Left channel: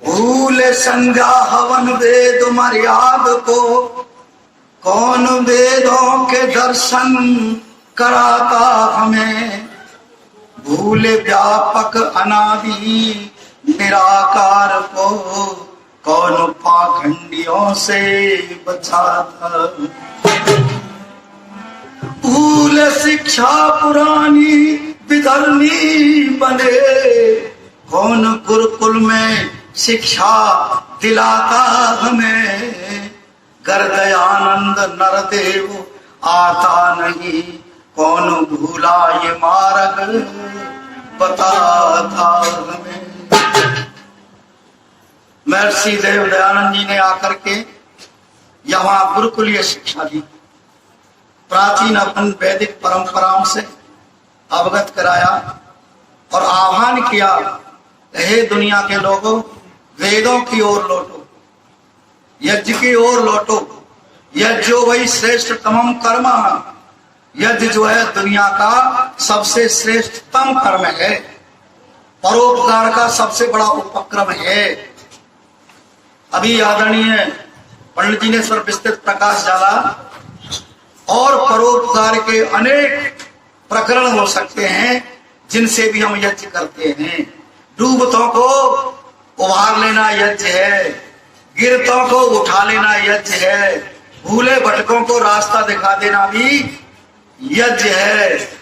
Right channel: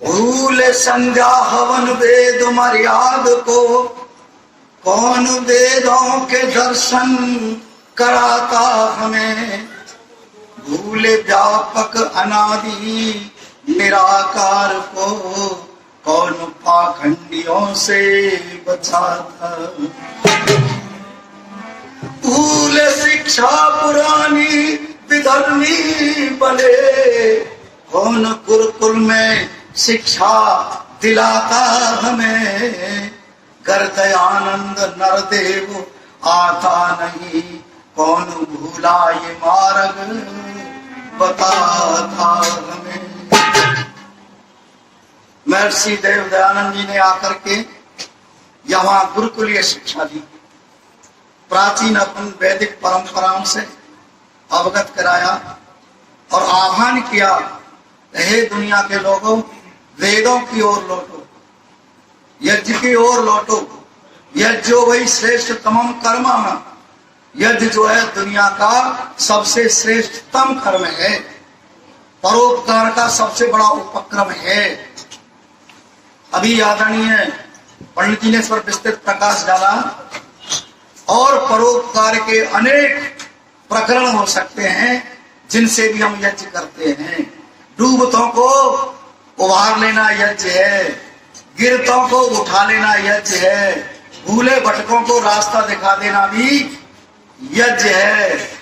भूल संध्या हवन वेद मर्याद को, कौन वेदों के दर्शन कराता हमें। भूल व्यापक अनादि निराकार को, कौन पाखंडियों से बचाता। भूल शिक्षा पुरानी विधर्मी बने, कौन गुरुकुल में शिक्षा दिलाता हमें। गर्दयानंद नरदेव आता नहीं, कौन भूला ये मार्ग बताता हमें। महर्षि देव दयानंद जी ने आकर के यहाँ गुरुकुलीय शिक्षा दी, प्राचीन अपन वैदिक परंपराओं से अवगत कराया और आह्वान किया, हे दुनिया के लोगों, वेदों की ओर लौटो, यज्ञ की ओर लौटो। यज्ञ जो वही श्रेष्ठतम कर्म, यज्ञ जो है दुनिया का सबसे श्रेष्ठतम कर्म है, परोपकार का सबसे बड़ा उपक्रम है। अभी आदरणीय पंडित जी ने इस पर विस्तृत प्रकाश डाला और परोपकार के अनेक प्रकरण हो सकते हैं जिनसे भी हम यज्ञ करते हैं। डूबतों को उभार लेना यज्ञ है, गिरतों को उठा लेना यज्ञ है, भूले भटकों को रास्ता दिखा देना भी यज्ञ है,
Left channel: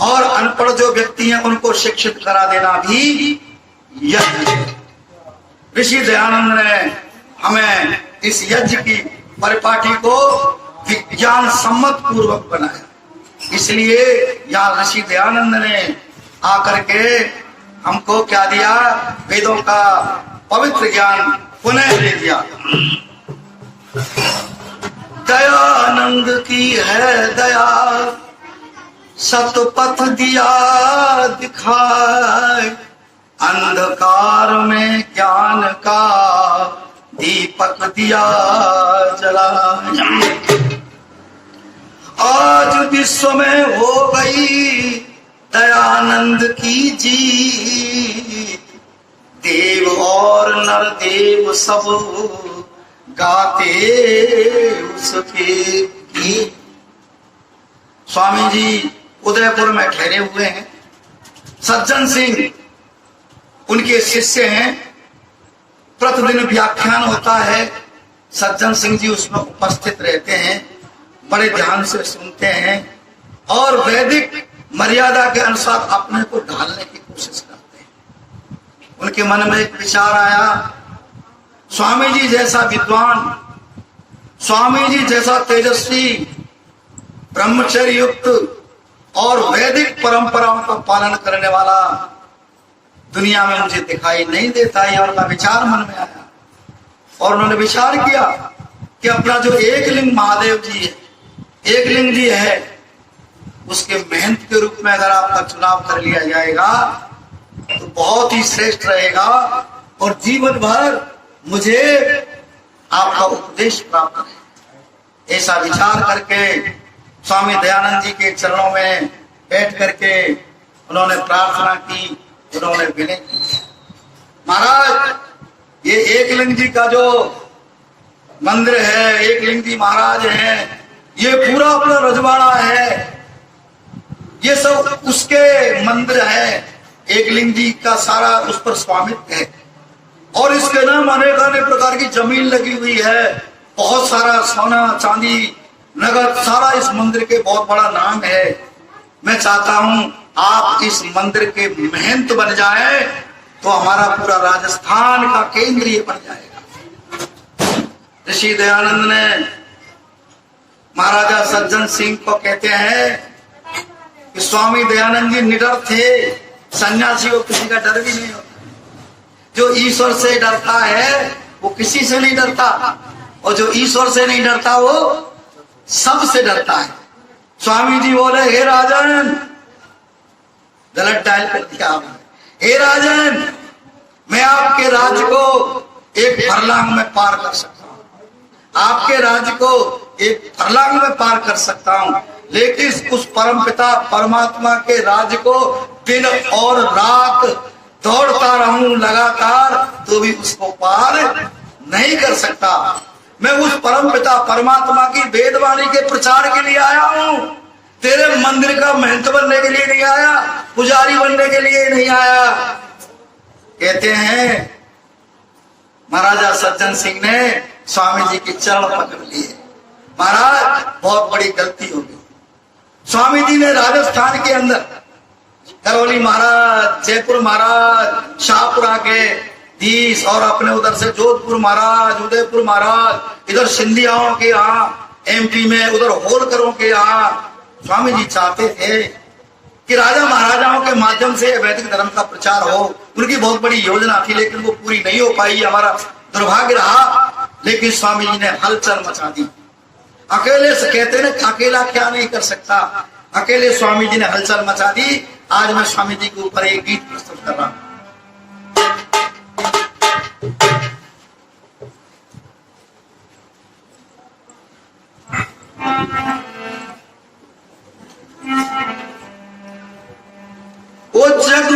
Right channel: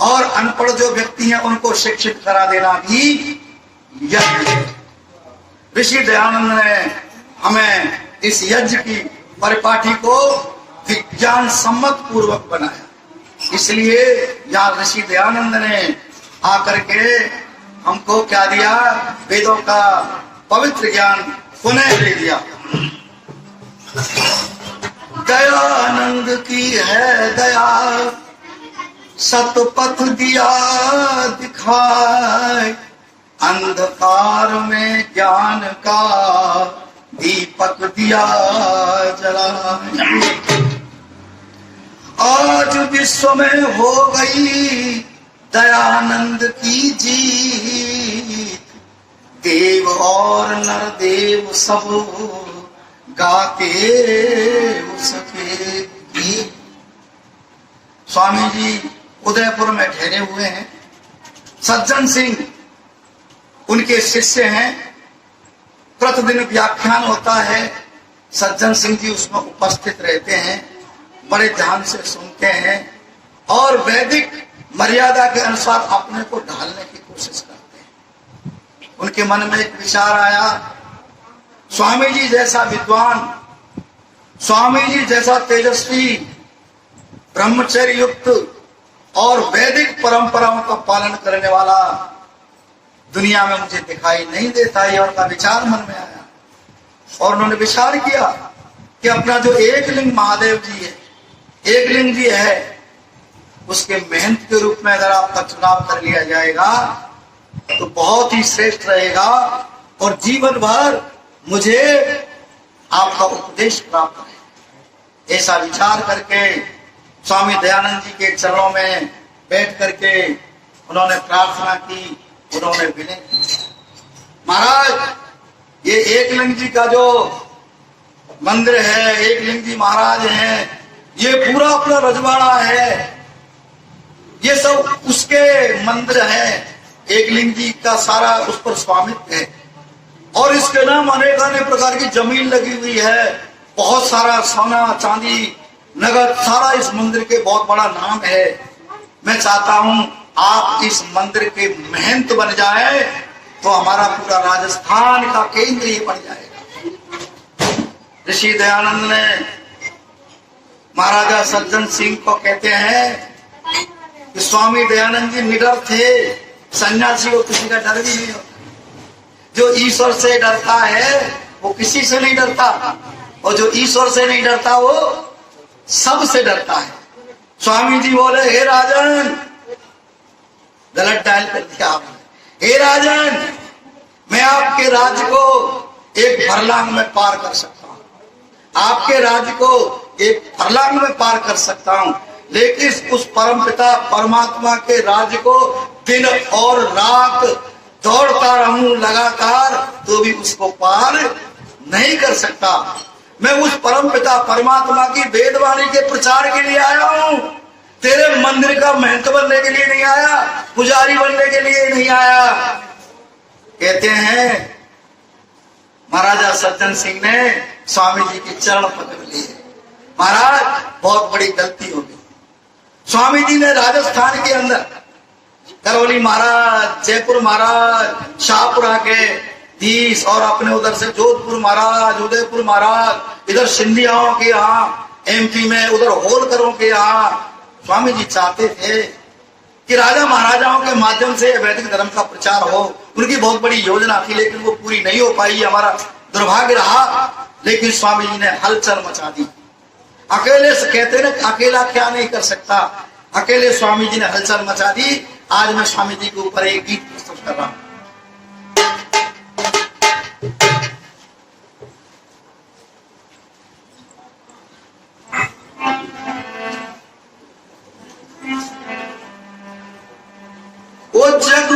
और अनपढ़ जो व्यक्ति हैं उनको शिक्षित करा देना भी यज्ञ है। ऋषि दयानंद ने हमें इस यज्ञ की परिपाटी को विज्ञान सम्मत पूर्वक बनाया। इसलिए यहाँ ऋषि दयानंद ने आकर के हमको क्या दिया, वेदों का पवित्र ज्ञान पुनः दे दिया। दयानंद की है दया, सतपथ दिया दिखाए, अंधकार में ज्ञान का दीपक दिया जलाए। आज विश्व में हो गई दयानंद की जीत, देव और नरदेव सब गाते उसके गीत। स्वामी जी उदयपुर में ठहरे हुए हैं, सज्जन सिंह उनके शिष्य हैं, प्रतिदिन व्याख्यान होता है, सज्जन सिंह जी उसमें उपस्थित रहते हैं, बड़े ध्यान से सुनते हैं और वैदिक मर्यादा के अनुसार अपने को ढालने की कोशिश करते हैं। उनके मन में एक विचार आया, स्वामी जी जैसा विद्वान, स्वामी जी जैसा तेजस्वी, ब्रह्मचर्य युक्त और वैदिक परंपराओं का पालन करने वाला दुनिया में मुझे दिखाई नहीं देता है। उनका विचार मन में आया और उन्होंने विचार किया कि अपना जो एक लिंग महादेव जी है, एक लिंग जी है, उसके महंत के रूप में अगर आपका चुनाव कर लिया जाएगा तो बहुत ही श्रेष्ठ रहेगा और जीवन भर मुझे आपका उपदेश प्राप्त है। ऐसा विचार करके स्वामी दयानंद जी के चरणों में बैठ करके उन्होंने प्रार्थना की, उन्होंने विनय की, महाराज ये एकलिंग जी का जो मंदिर है, एकलिंग जी महाराज हैं, ये पूरा अपना रजवाड़ा है, ये सब उसके मंदिर है, एकलिंग जी का सारा उस पर स्वामित्व है और इसके नाम अनेक प्रकार की जमीन लगी हुई है, बहुत सारा सोना चांदी नगद सारा इस मंदिर के बहुत बड़ा नाम है। मैं चाहता हूं आप इस मंदिर के महंत बन जाए तो हमारा पूरा राजस्थान का केंद्र ये बन जाएगा। ऋषि दयानंद ने महाराजा सज्जन सिंह को कहते हैं कि स्वामी दयानंद जी निडर थे, सन्यासी को किसी का डर भी नहीं होता। जो ईश्वर से डरता है वो किसी से नहीं डरता और जो ईश्वर से नहीं डरता वो सबसे डरता है। स्वामी जी बोले, हे राजन, गलत डायल कर दिया आपने, हे राजन मैं आपके राज्य को एक फरलांग में पार कर सकता हूँ, आपके राज्य को एक फरलांग में पार कर सकता हूँ, लेकिन उस परमपिता परमात्मा के राज्य को दिन और रात दौड़ता रहूं लगातार तो भी उसको पार नहीं कर सकता। मैं उस परम पिता परमात्मा की वेदवाणी के प्रचार के लिए आया हूं, तेरे मंदिर का महंत बनने के लिए नहीं आया, पुजारी बनने के लिए नहीं आया। कहते हैं महाराजा सज्जन सिंह ने स्वामी जी के चरण पकड़ लिए। महाराज बहुत बड़ी गलती हो गई। स्वामी जी ने राजस्थान के अंदर करौली महाराज, जयपुर महाराज, शाहपुरा के धीश और अपने उधर से जोधपुर महाराज, उदयपुर महाराज, इधर सिंधियाओं के यहाँ एमपी में, उधर होलकरों के यहाँ स्वामी जी चाहते थे कि राजा महाराजाओं के माध्यम से वैदिक धर्म का प्रचार हो। उनकी बहुत बड़ी योजना थी लेकिन वो पूरी नहीं हो पाई, हमारा दुर्भाग्य रहा। लेकिन स्वामी जी ने हलचल मचा दी। अकेले से कहते ना, अकेला क्या नहीं कर सकता, अकेले स्वामी जी ने हलचल मचा दी। आज मैं स्वामी जी के ऊपर एक गीत प्रस्तुत कर रहा हूं। ओ जग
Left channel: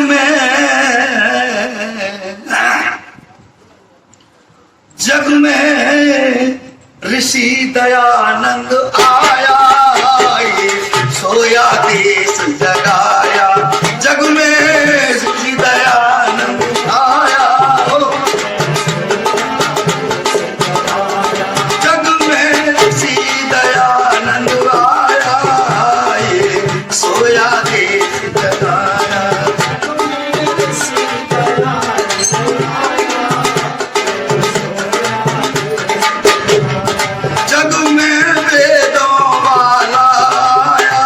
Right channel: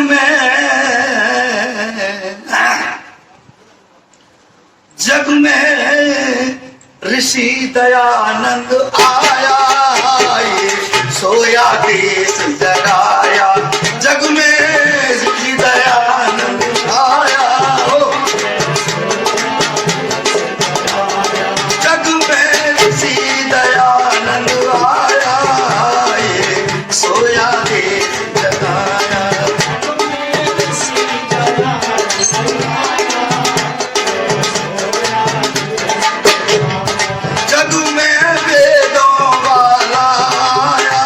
में ऋषि दयानंद आया, सोया देश जगाया। जग में ऋषि दयानंद आया, जग में ऋषि दयानंद आया, सोया देश जगाया। जग में वेदों वाला आया,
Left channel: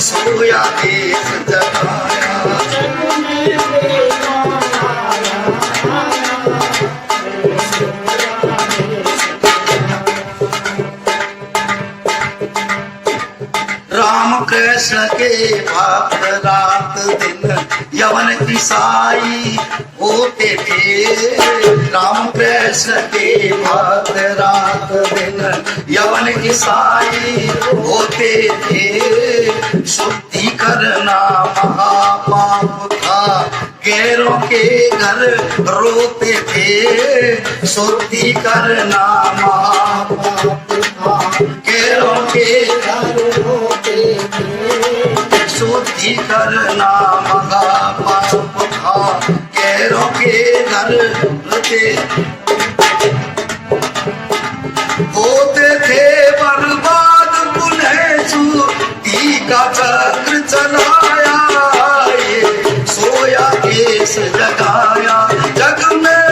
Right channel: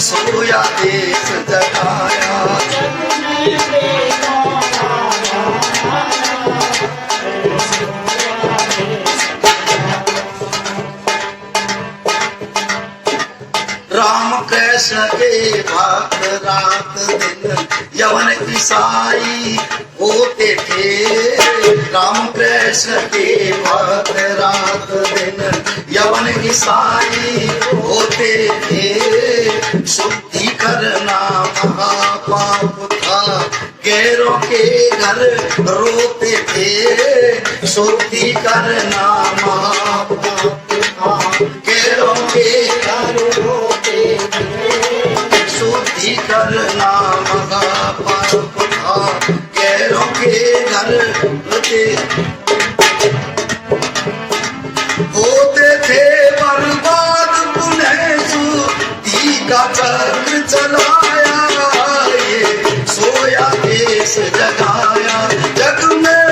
सोया देश जगाया। राम कृष्ण के भक्त रात दिन यवन ईसाई होते थे। राम कृष्ण के भक्त रात दिन यवन ईसाई होते थे। शुद्धि करना महापाप था, गैरों के घर रोते थे। शुद्धि करना महापाप था, गैरों के घर रोते थे। शुद्धि करना महापाप था, गैरों के घर रोते होते थे। बर्बाद पुनः शुद्धि का चक्र चलाया, सोया देश जगाया। जग में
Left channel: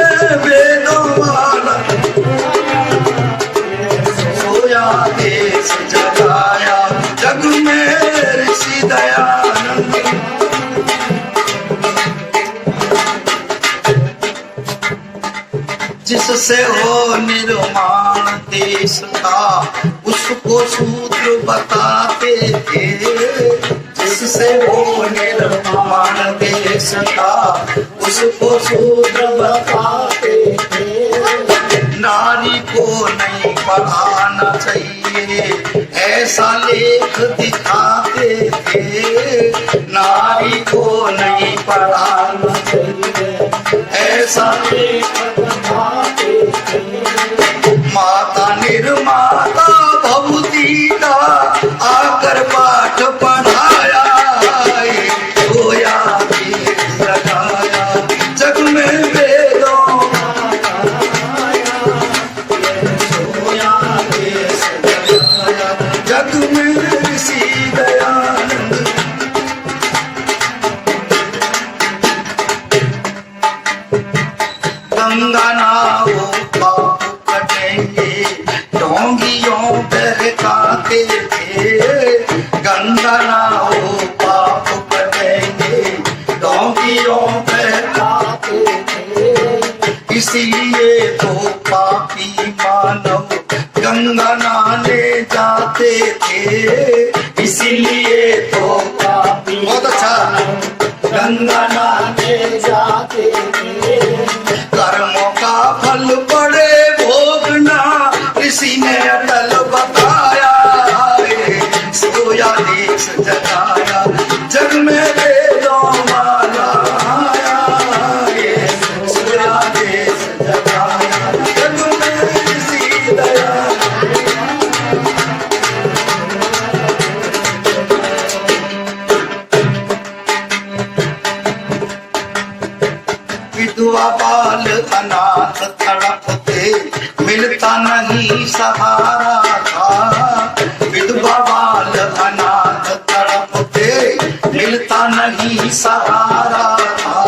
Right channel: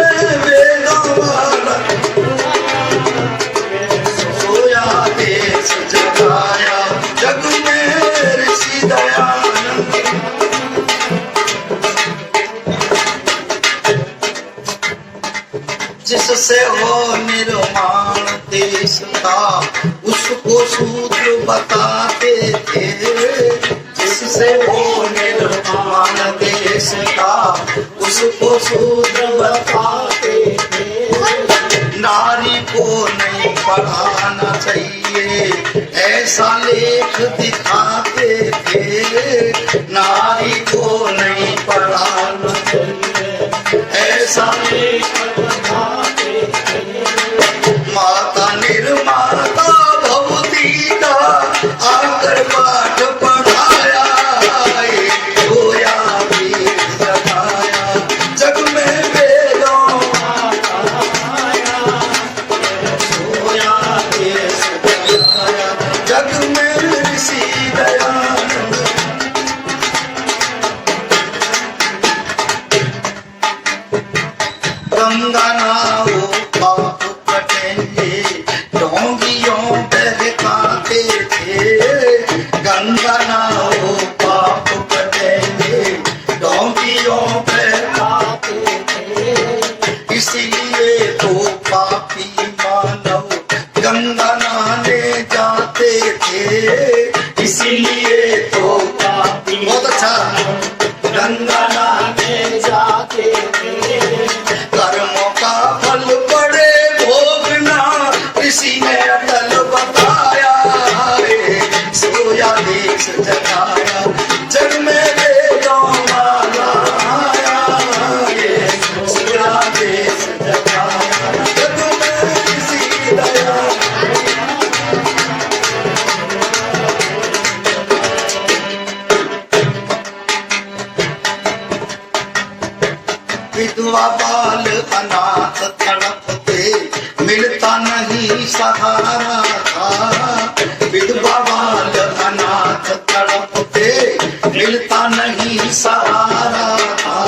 वेदों वाला सोया देश जगाया। जग में ऋषि दयानंद जिससे हो निर्माण देश का, उसको सूत्र बताते थे। जिससे हो निर्माण देश का, उसको सूत्र बताते थे। नारी को नहीं पढ़ाना चाहिए, ऐसा लेख दिखाते थे। नारी को नहीं पढ़ाना चाहिए, ऐसा लेख दिखाते थे। माता निर्माता भवती का आकर पाठ पढ़ाया, सोया देश जगाया। जग में वेदों सोया देश जगाया। जग में ऋषि दयानंद गंगा नाव पाप कटेंगे, डोंगियों बहकाते थे। गंगा नाव पाप कटेंगे, डोंगियों बहकाते थे। इसीलिए तो पापी मानव गंगा नहाने जाते थे। इसीलिए तो पापी, बहुत अच्छा, गंगा नहाने जाते थे। कर्मों का फल पड़े भोगना, ऋषि ने अटल बताया, सोया देश जगाया। जग में वेदों वाला देश जगाया, जग में ऋषि दया। विधवा बाल अनाथ तड़पते, मिलता नहीं सहारा था। विधवा बाल अनाथ तड़पते, मिलता नहीं सहारा था।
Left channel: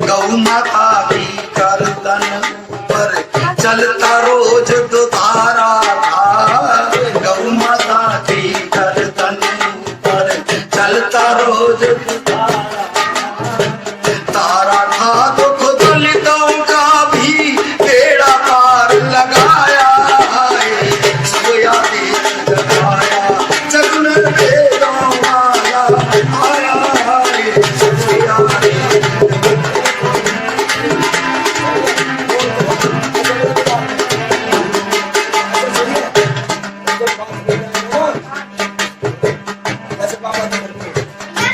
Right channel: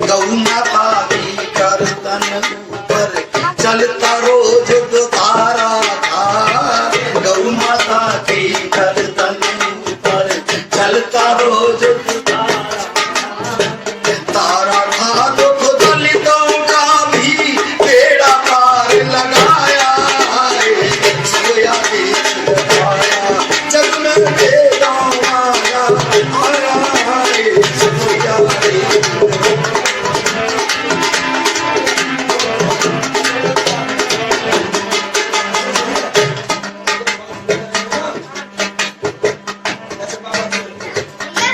गौ माता की गर्दन ऊपर चलता रोज दुधारा था। गौ माता की गर्दन ऊपर चलता रोज दुधारा। तारा था दुख दलितों का भी बेड़ा पार लगाया है। सोया देश जगाया, जग में वेदों वाला आया है। सोया देश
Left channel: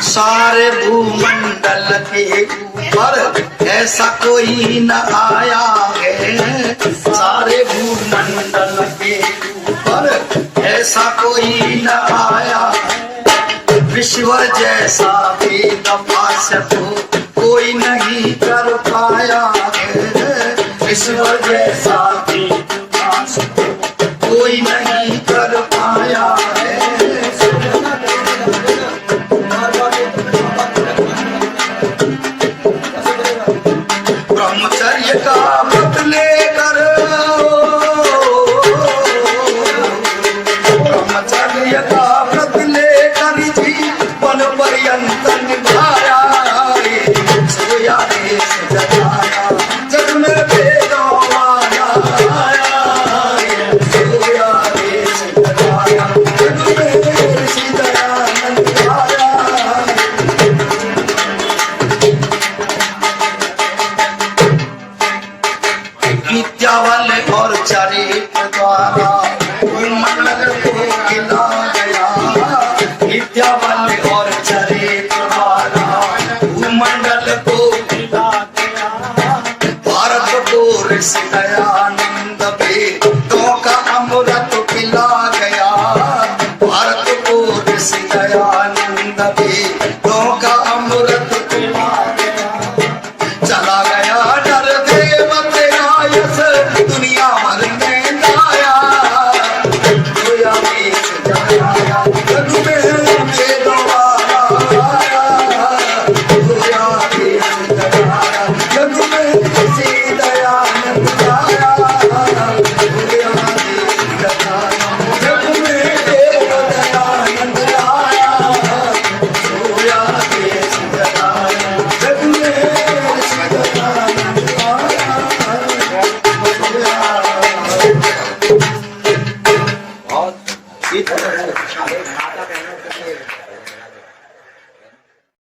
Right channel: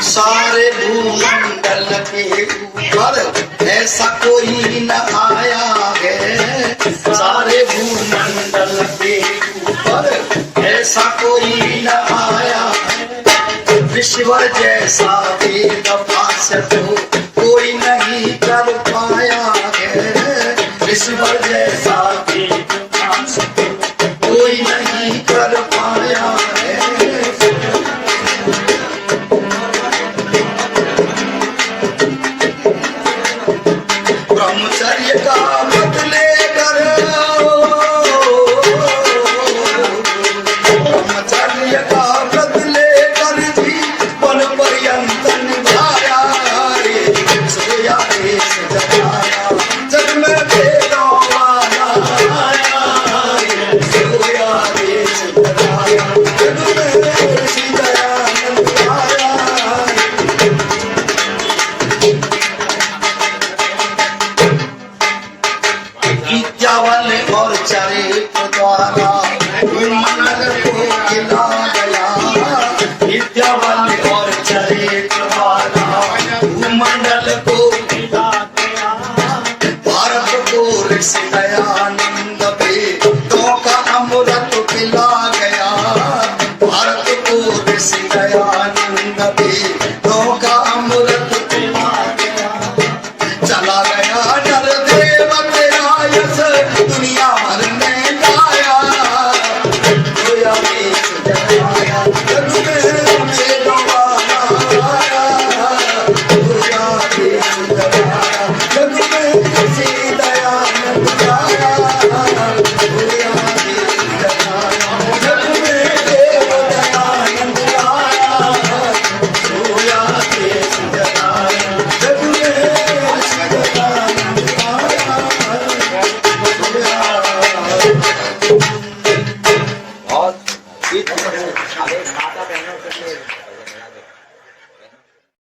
सारे भूमंडल के ऊपर ऐसा कोई न आया है। सारे भूमंडल के ऊपर ऐसा कोई न आया है। विश्वर जैसा वेद भाष्य को कोई नहीं कर पाया है। विश्वर जैसा वेद भाष्य को कोई नहीं कर पाया है। ब्रह्मचर्य का व्रत लेकर, ब्रह्मचर्य का व्रत लेकर जीवन पर्यंत निभाया। सोया देश जगाया, जग में वेदों वाला आया। सोया देश जगाया, जग में ऋषि दयानंद आया। विद्यावान और